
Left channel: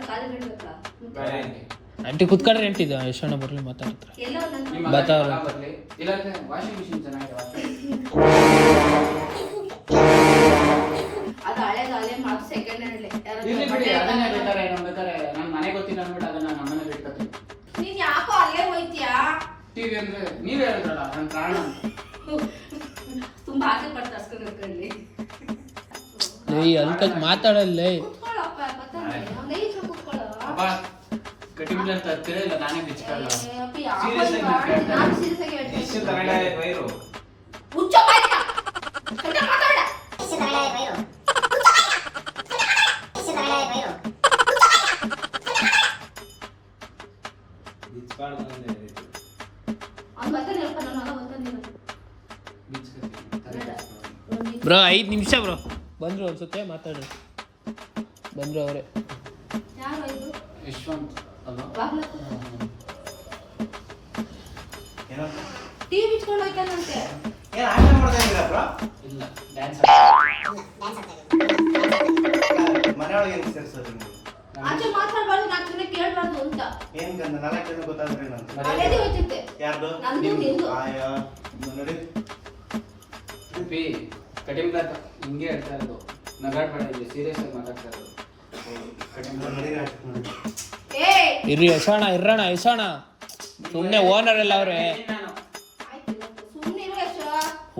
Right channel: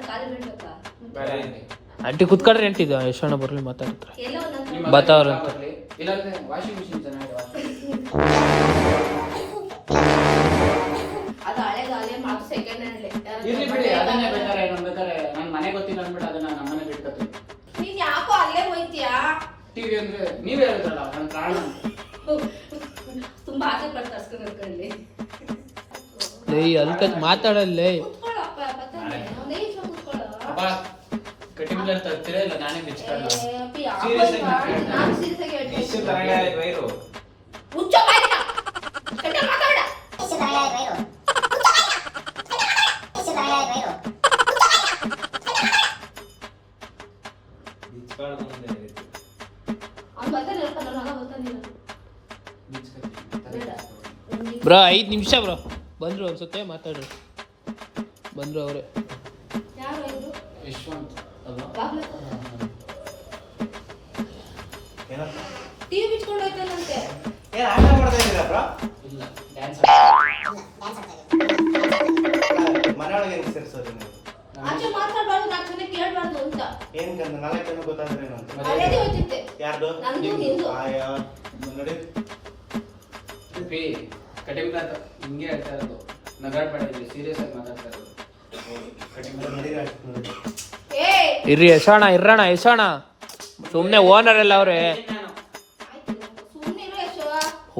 ಕಾಲು ಬೀಳ್ಬೇಕಾ? ಬೇಡ ಆಂಟಿ. ಆಂಟಿ ಕುತ್ಕೊಳ್ರಿ ಆಂಟಿ, ಇದು ಯಶೋಣ ಬರ್ಲಿ ಮಾತಾಡ್ತಾರೆ. ಎಲ್ಲ ಒಂದೊಂದು ನಿಮ್ಮ ಬರ್ತಾವ್ರೆ. ಮಗ ಬರ್ಲಿ. ಇಲ್ಲಾಂದ್ರೆ ವಾಷಿಂಗ್ ಮಿಷಿನ್ ಚೆನ್ನಾಗಿದೆ. ಅದು ಹಳೇದು ಮಾತು ಸೆಕೆಂಡ್ ಹ್ಯಾಂಡ್. ಇರ್ಲಿ ಬಿಡಿ, ಅದನ್ನೇ ಬೇಕಾರೆ ಇನ್ನೊಂದು ಬೇಕಾರೆ ನನ್ ಮನೆ ಗೊತ್ತಿಲ್ಲ ಅಂದ್ಬಿಟ್ಟು ಅದನ್ನ ನಮ್ಮನೆ ಬಿಟ್ಕೊತೀನಿ. ನೀನ್ ಯಾಕೋ ಅಲ್ಲೇ ಹೋಯ್ತೀಯಾ? ಟಿವಿ ಅಂದ್ರೆ ನೀವೇ ಹೇಳಿದ್ರಲ್ಲ ನನ್ನ ಪ್ರಾಣ. ತುಂಬಾ ಆಸೆ ಪಟ್ಟು ತರ್ಸ್ಕೊಂಡು ಮಾತಾಡಲ್ಲೇ ಕೂತ್ಕೊಳ್ಳಪ್ಪ, ಬರ್ತಾನೆ. ಅವ್ನೇ ಇಷ್ಟ ಕೂತ್ಕೊಳ್ಳೋ. ಅಪ್ಪ ಕಟಿಂಗ್ ಬ್ಲೇಡ್ ತರ್ತೀರಾ ಇಲ್ಲ ನಾನೇ ಬಿಚ್ಕೊಳ್ಳ? ಏ, ಅಪ್ಪಿ, ಯಾವ Serious ಆಗಿ ಮಾಡಿ? ಮಾತಾಡ್ತಾ ನಾನು serious ಆಗಿ ಹೇಳ್ತಾ ಇಷ್ಟು ಇದ್ದೀನಿ. ತರಗಾಳಿ ವೈರು ಹುಚ್ಚ ಬಾಯ್ನ. ಕಟ್ಟ ಮಾತಾಡ. ಎಷ್ಟು ತರಗಾಳಿ ವೈರು ಎಷ್ಟು ತರಗಾಳಿ ವೈರು ಇಟ್ಕೊಂಡು ಬಂದೆ ಇದಕ್ಕೆ. ಅವ್ನು ಬರ್ತಾನೆ ಹೇಳ್ತಾನೆ, ನಾನು ಬರ್ತಾನೆ ಇವತ್ತು. ಬ್ರೋ 5 ನಿಮಿಷ ಬ್ರೋ ಬಂದ್ರು ಅನ್ಸುತ್ತೆ ಮಾತಾಡ್ರಿ ಬಂದ್ರು ಅವರೇ ಯಾರು ಇದು? ಯಶವಂತ್ ಅಲ್ವಾ? ಬಾಗ್ಲ ಏನೋ ಟಿವಿ ಬಿಚ್ಕೊಂಡು ಹೋಯ್ತಾನಂತೆ. ಏನ್ ಆಟ ಮಾಡ್ತಾ ಇದ್ದೀರಾ ಬ್ರೋ? ಇಲ್ಲ ಡ್ಯಾನ್ಸ್ ಡ್ಯಾನ್ಸ್ ಆಡ್ತಾ ಇದ್ದೀನಿ ಮನೆಯೊಳಗೆ ಹೆಂಗ್ ಸೇರ್ಸೋದು ನೀವು? ಆಚೆ ಮಾತಾಡ್ಬಾರ್ದು, ನಾಲ್ಕು ಜನ ಕೇಳ್ಬಾರ್ದು ಅಂತ. ಏನ್ ಗಂಧ 4 ಜನ ಗೊತ್ತಾದ್ರೆ ನಂಗೆ ಅದೇದಿ ಹೋಯ್ತಿದ್ದೆ. ಯಾರ್ದು? ನಂದು, ನಿಂದು. ಅಯ್ಯೋ ನೋಡಿ ಪಿ ಕಟಿಂಗ್ ಬ್ಲೇಡ್ ಹಿಂಗೆ ಹೇಳ್ತಾ ಇರೋದು. ನಗಾಡ್ಬೇಡ, ಇಲ್ಲಿ ಸೀರಿಯಸ್ ಆಗಿ ಮಾತಾಡ್ತಾ ಇರೋದು. ಕಟಿಂಗ್ ಬ್ಲೇಡ್ ನೋಡಿ ನೋಡಿ ಏ, ಇರ್ರಿ ಎಸೋಣ ಸುಮ್ಮನೆ ಓನರ್ ಎಲ್ಲ ಅವ್ರೆ ನಾನು ಆಯ್ತು, ಸುಮ್ನಿರು ಯಶೋ.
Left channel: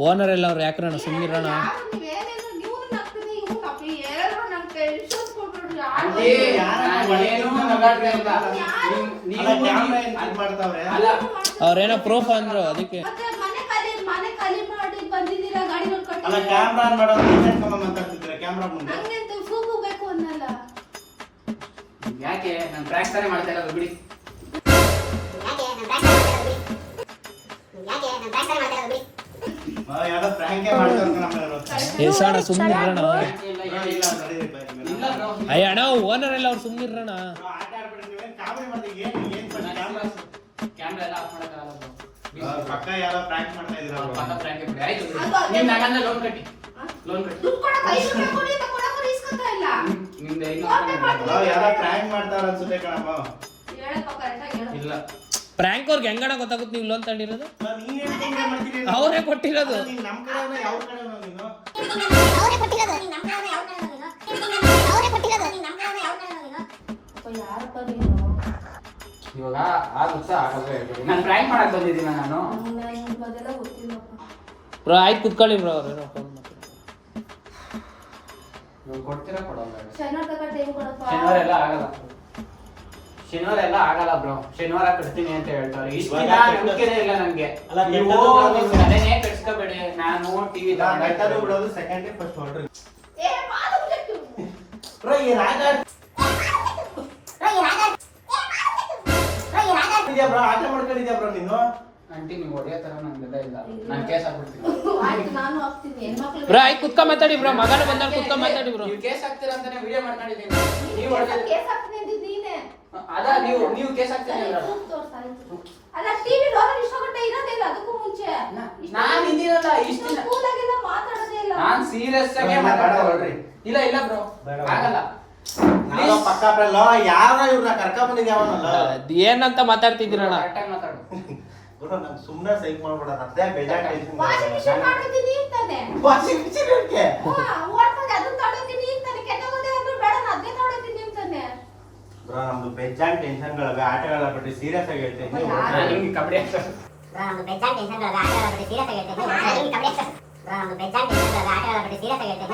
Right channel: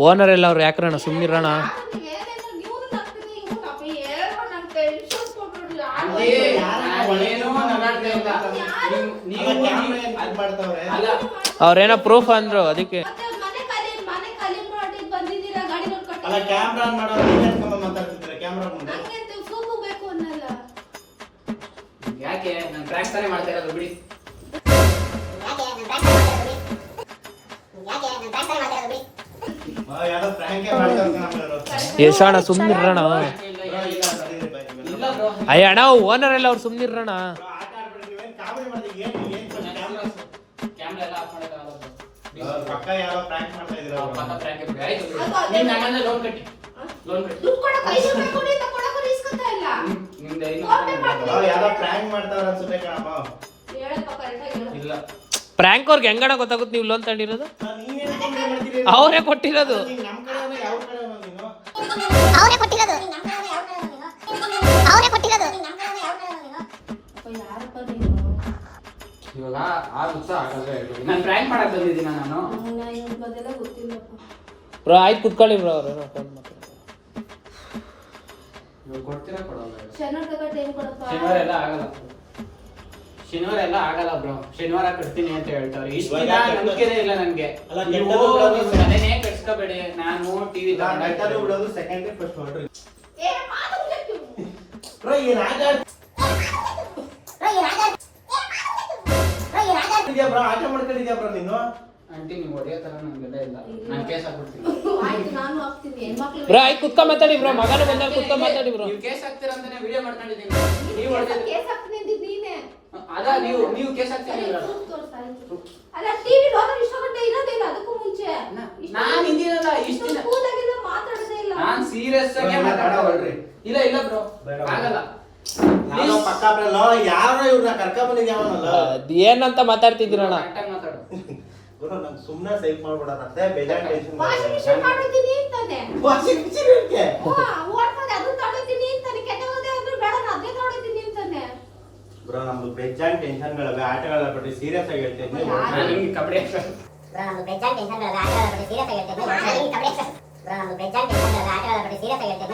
ಓನರ್ ಎಲ್ಲ ಅವ್ರು ಯಾಕ್ರಣ ಸುಮ್ಮನಿರೋಣ ಯಾರು ನೀವೇನೇನೋ ನೀವ್ನು ನಗ್ತೀರಿ, ಇವ್ನು ನಗ್ತೀರಿ, ಎಲ್ಲರೂ ನಮ್ ಟೆನ್ಷನ್ ಕೊಟ್ಬಿಡ್ರಿ. ಅಲ್ಲಿ ನಾನೇನೂ ನಗಾಡ್ತಾ ಇಲ್ಲ. ಅಲ್ಲ ಕ್ಯಾಮ್ರಾ ಏನ್ ಇದ್ ಮಾಡ್ತಾವ್ರೆ? ಅಲ್ಲ ಅವ್ರೇನೋ ಪ್ರೂಫ್ ಅಂದ್ರು ಅದಕ್ಕೆ ಮತ್ತೆ ಮನೆ ಖಾಲಿ ಮಾಡಿ ಬಂದಿದ್ದೀರಾ, ಗಾಡಿ ಅಲ್ಲ ನೋಡ್ಕೊಂಡು. ಕ್ಯಾಮ್ರಾ ಆನ್ ಮಾಡೋದು ಏನ್ ಸಂಬಂಧ ಮಾತಾಡ್ತಿದ್ರೆ ಕ್ಯಾಮ್ರಾ ಮುಂದೆ? ಹಂಗೆ ಅಂತ ಫೂಕು ಬೇಕು ಅನ್ನಲ್ಲ. ಯಾಕೆ ನಾನು ಟ್ರ್ಯಾಕ್ ತಾನೇ ಮಾಡ್ತಾ ಇರೋದು ಬಿಡಿ. ಯಾವ್ದೋ prank ಏ ಮಾಡ್ತಾರೆ ನಮ್ಮನೆಯವರು. ಎಸೋಣ ಸುಮ್ಮನಿರೋಣ ಇಲ್ಲ ಸರಿ ಇಲ್ಲ ಬ್ರೋ, ಅಯ್ಯ ಅಣ್ಣ ಓನರ್ ಎಲ್ಲ ಅವ್ರು ಸುಮ್ಮನಿರೋಣ ಆಟ ಆಡ್ಬಿಡಿ ನೀವೇನ್ ಕಾಮಿಡಿ ಮಾಡ್ತೀವಿ ಏನ್ ಕ್ಯಾಮ್ರಾ ಎಲ್ಲ ಆಫ್ ಮಾಡೋಕ್ಕಾಗಲ್ಲ ಬ್ರೋ. ಪಕ್ಕ ಯಾರೋ prank ಮಾಡ್ತಾ ಇದ್ದೀರಾ ಅವ್ರು. ಪಕ್ಕ prank ಬಿಡಿ. ಆಯ್ತು ಬಿಡಿ. ಅದು ಅದೇ ನೀವು ನಗಂದ ಲೋನ್ ಕಟ್ಟಿ. ಲೋನ್ ಕಟ್ಟಿ. ದುಡ್ಡು ಕೊಡಕ್ಕೆ 5 ರೂಪಾಯಿ ಕೊಡಿ ಅಂತ ಕೊಡಕ್ಕೂ ಇಸ್ಕೊತಾ ಇಲ್ಲ. ನಿಮ್ದು ಅವ್ರು ಯಾರೋ prank ಮಾಡ್ತಾವ್ರೆ ಅನ್ಸುತ್ತೆ ಕಣಪ್ಪ. ಹೇಳಪ್ಪ, ಕರೆಕ್ಟಾಗಿ ಹೇಳು. ಇಲ್ಲ ಪ್ರ್ಯಾಂಕ್ ಅವ್ರಿಗೆ ಹೆಂಗಣ ಗೊತ್ತಾಗುತ್ತೆ ನೀವು ಲೋನ್ ತಗೊಂಡಿರೋದು ನೀನೇನ್ ಸುಮ್ನೆ ಮಾಡ್ತೀರಿ? ಅವರೇ ಕೊಟ್ಟಿರೋದು ನೀನ್ ನಮ್ ಕಡೆಯವ್ರು ಯಾವ ಕಡೆಯವ್ರು ನೀನು? ಅವರೇ ಕೊಟ್ಟಿರೋದು ನಿಮ್ಮ ಕಡೆಯವರೇ ಯಾವ ಕಡೆಯವನು ನೀನು ಅವರೇ ಕೊಟ್ಟಿರೋದು ನಿಮ್ಮ ಕಡೆಯವರೇ ಯಾವ ಕಡೆಯವನು ನೀನು ಅಪ್ಪ, ಯಾರಪ್ಪ ನೀನು? ಇವಾಗ ಆ ಉತ್ಸಾಹ ಆಗಲ್ವೇ ಹೇಳ್ಬೇಡಿ. ನಾನು ಪ್ರ್ಯಾಂಕ್ ಮಾಡಕ್ ಬಂದಿದ್ದೀನ ನಾನು. ನನಗೆ ಅದೆಲ್ಲ ಗೊತ್ತಿಲ್ಲಪ್ಪ. ಬ್ರೋ ಆಯ್ತು ಕುತ್ಕೊಳ್ಳಿ ಬ್ರೋ ಅವ್ರೇನೋ ಫೋನ್ ಮಾಡ್ತಾರೆ ನೀವು ಕೊಡ್ತೀರಾ ಕೊಡೋಲ್ಲ? ಶನಿವಾರ ತನಕ ಟೈಮ್ ಕೊಡಪ್ಪ. ಶನಿವಾರ ಎಲ್ಲ ಆಗಲ್ಲ. ಶನಿವಾರ ಎಲ್ಲ ಆಗಲ್ಲ ಬ್ರೋ. ಶನಿವಾರ ಕಟ್ತೀನಿ ಅಂತ ಹೇಳ್ತಾರೆ. ಇಷ್ಟು ದಿನ ನಂಬಿಕೆನೇ ಇಲ್ಲ ನನ್ಗೆ. ಅಲ್ಲ, ನೀವು ಕೆಟ್ಟದ್ದು ಬಿಡೋದು ಅದನ್ನೇ ಕಟ್ಸ್ಕೋಬೇಡಿ. ನಾನು ಟಿವಿ ಗಂಟಲು ಬಿಡೋದು ಸೆಕೆಂಡ್ ಫಸ್ಟ್ ಹೊರಡ್ರಿ. ಏ, ಮಾತು ಮುಗಿತು. ಬ್ರೋ ಈ ರಾಜ ಇದೆಯಾ ಬ್ರೋ? ಆಟ ಮಾಡ್ಕೊಂಡಿದ್ಯಾ ಬ್ರೋ ನೀನು? ಆಂಟಿ ನೀವು ಹೊಡೆಯೋ ತರ ನಮ್ಗೆಲ್ಲ ಇಲ್ಲ. ನಾನು ಕೇಸ್ ಹಾಕ್ಬಿಡ್ತೀನಿ. ಆಯ್ತು, ನಾನು ಹಾಕ್ತೀನಿ. ಹೆಣ್ಮಕ್ಳು ಬ್ರೋ ಆಯ್ತು ಕುತ್ಕೊಂಡ್ ಮಾತಾಡಿ ಬ್ರೋ ಮಗನ ಬಂದಾಗ ಕುತ್ಕೊಂಡ್ ಮಾತಾಡಿ ಬ್ರೋ ನೀವು ಕೇಸ್ ಹಾಕ್ತೀರಾ ಅಂತಾನೆ ವಿಡಿಯೋ ಮಾಡ್ಕೊಂಡಿದ್ದೀನಿ. ನೀವು ಕೇಸ್ ಹೊಡೆದ ಕೇಸ್ ಹಾಕ್ತೀನಿ ಅಂದಿದ್ದು ನೀನೇ. ಅದ ನೀವು ಕೇಸ್ ಹಾಕ್ತೀರಾ ಸರಿ, ಇವ್ರ? ಪ್ರೂಫ್ ತೋರ್ಸು, ಆಯ್ತು. ಅಲ್ಲ, ಟಿವಿ ರೋಲರ್ ಇಷ್ಟ ಗಂಟೆ ಇರೋದಿಲ್ಲ, ಅದಕ್ಕೂ ಮುಂಚೆ ನಾನು ಹಿಂದಿರಲ್ಲ ಇಷ್ಟು ದಿನ. ಸ್ಕೂಲಾಗೆಲ್ಲ ಮಾತಾಡೋದೇ ಇಲ್ಲ. ನಾನ್ ಸೀರಿಯಸ್ ಆಗಿ ಬೇಡ, ಮಾತಾಡೋಳ್ರಿ. ಬೇಡ. ಇಲ್ಲ ಬ್ರೋ, ಬೇಡ. ಆಗಲ್ಲ. ನಾನು ಪಕ್ಕ ಬರಲ್ಲ. ಯಾರ ಇವ್ರನ್ನ ಕರ್ಕೊಂಡ್ ಬಂದಿದ್ಯಾವನಲ್ಲ? ಏನಂತ ಮಾತಾಡ್ತಿದ್ದೀರಣ್ಣ ಕರೆಕ್ಟಾಗಿ ಮಾತಾಡು. ಗುರು ನಮ್ ಸುಮ್ನೆ ಸೈಕ್ ಮಾಡ್ಬೇಡ. ಅದೇ ಬೇಜಾರ್ ಟೆನ್ಷನ್ ವಾಷಿಂಗ್ ಮಿಷಿನ್ ಮಾಡಿದ್ದೀನಿ ಅಂತಾನೆ. ವಾಷಿಂಗ್ ಮಿಷಿನ್ ಇರ್ಕೆ ಓಡ್ಕೊಂಡು ಅದನ್ನ ತಗೊಳ್ತೀನಿ ಅಂತಾನೆ. ಕೆಟ್ಟೋಗೋದೇ ಅಂದ್ರೆ ಬೇಡ, ನಾನು ಅದೇ ತಗೊಳ್ತೀನಿ ಅಂತಾನೆ. ಬ್ರೋ ನಮ್ದು ಬೇಜಾನ್ ಟೆನ್ಷನ್ಗಳವೆ. ಆಟಗಳ ಬಗ್ಗೆ ಸೀರಿಯಸ್ ಆಗಿ ಹೇಳ್ತೀನಿ. ನಾನು ಹಿಂಗೆ ಕಬಡ್ಡಿ ಆಡ್ತೀನಿ. ಬ್ರೋ ನಮ್ದು ಬೇಜಾನ್ ಟೆನ್ಷನ್ಗಳವೆ ಆಟಗಳ ಬಗ್ಗೆ ಸೀರಿಯಸ್ ಆಗಿ ಹೇಳ್ತೀನಿ ಬ್ರೋ ನಮ್ದು ಬೇಜಾನ್ ಟೆನ್ಷನ್ಗಳವೆ ಆಟಗಳ ಬಗ್ಗೆ ಸೀರಿಯಸ್ ಆಗಿ ಹೇಳ್ತೀನಿ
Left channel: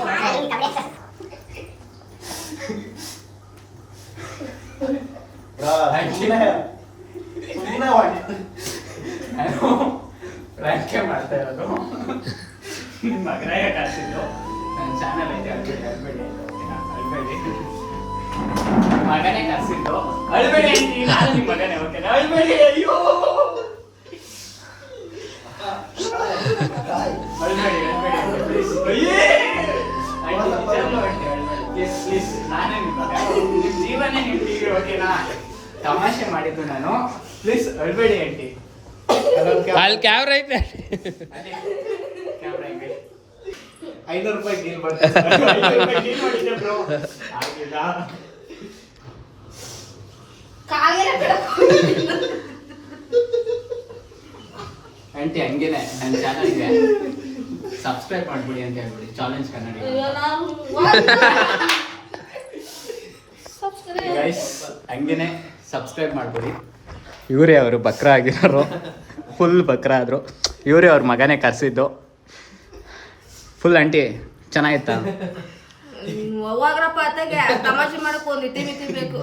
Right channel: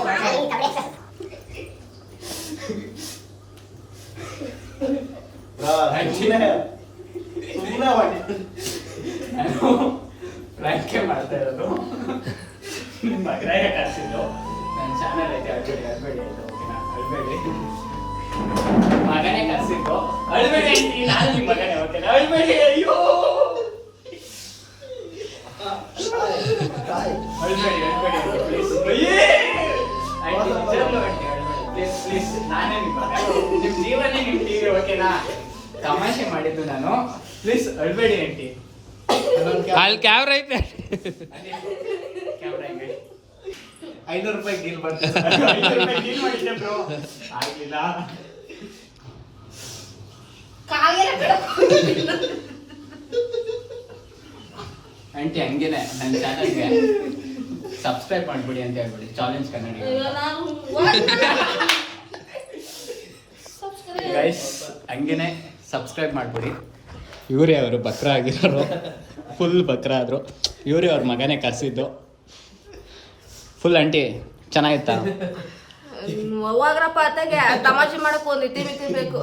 ಬ್ರೋ ಸುಮ್ನೆ ಹೊಡಿ. ನಾನು ಪ್ರ್ಯಾಂಕೇ ಮಾಡ್ತಾ ಇರೋದು. ನಿಮ್ಮ ಮಗನಾಗ ಕಳ್ಸಿದ್ದು ನನ್ನ ಚಾನಲ್ ಐತೆ, ಅಳ್ಬೇಡಿ ಆಯ್ತು, ಓಕೆನಾ? ಅಳ್ಬೇಡಿ. ಮಗನೇ ಕಳ್ಸಿದ್ದು. ಅಳ್ಬೇಡಿ ಅಂತೀನಿ, ನಾನು ನಿಮ್ಮ ಮಗನೇ, ಓಕೆನಾ? ಅಳ್ಬೇಡಿ. ಅಯ್ಯೋ ಅಳ್ಬೇಡಿ ಪ್ಲೀಸ್. ಆಯ್ತು, ನಿಜವಾಗ್ಲೂ ಅಳ್ಬೇಡಿ ಪ್ಲೀಸ್. ನಾನೇ ನಿಮ್ಮ ಮಗ, ನಿಮ್ಮ ಜೀವನೇ ನಿಮ್ಮ ಟಿವಿ, ಓಕೆನಾ? ತಮಾಷೆ ಮಾಡಿದ್ದು ನಾನು. ಪ್ಲೀಸ್ ಅಳ್ಬೇಡಿ ಆಂಟಿ. ಅಲ್ಲಿ ಕ್ಯಾಮ್ರಾ ಐತೆ ಅದೇ ಕ್ಯಾಮ್ರಾ ಹಿಂಗೆ 500 ರೂಪಾಯಿ ಡೀಲ್ ಬರ್ತೀನಿ. ಆಗಿಲ್ಲ. ಕಾಗೆಲ್ಲ ಬಿಡಪ್ಪ. ಆಂಟಿ ಹಂಗೇನೆ ನನ್ನ ಚಾನಲ್ಗೆ ಸಬ್ಸ್ಕ್ರೈಬ್ ಮಾಡ್ಬಿಡಿ ಅಂತ ಹೇಳ್ಬಿಡಿ. ಚಾಲೆಂಜ್ ಕನ್ನಡ ಅಯ್ಯೋ, ನಾನು ಗೈಸ್ ಹಂಗೇನೆ ಸಬ್ಸ್ಕ್ರೈಬ್ ಮಾಡ್ಬಿಡಿ. ಇವರೇ ಅವರು ಬಕ್ರ ಆಗಿರೋರು, ಫುಲ್ ಬಕ್ರ ಆದರು. ಇವರೇ ಅವ್ರ ಮಗನೇ ಕರೆಸಿದ್ದು. Full aunty ಚೆನ್ನಾಗಿತ್ತಾ? ಹೋಗ್ರಪ್ಪ ಅತ್ತಾಗೆ ತಮಾಷೆ ಮಾಡಕ್ ಒಂದ್ ಇತಿ ಮಿತಿ ಬೇಕು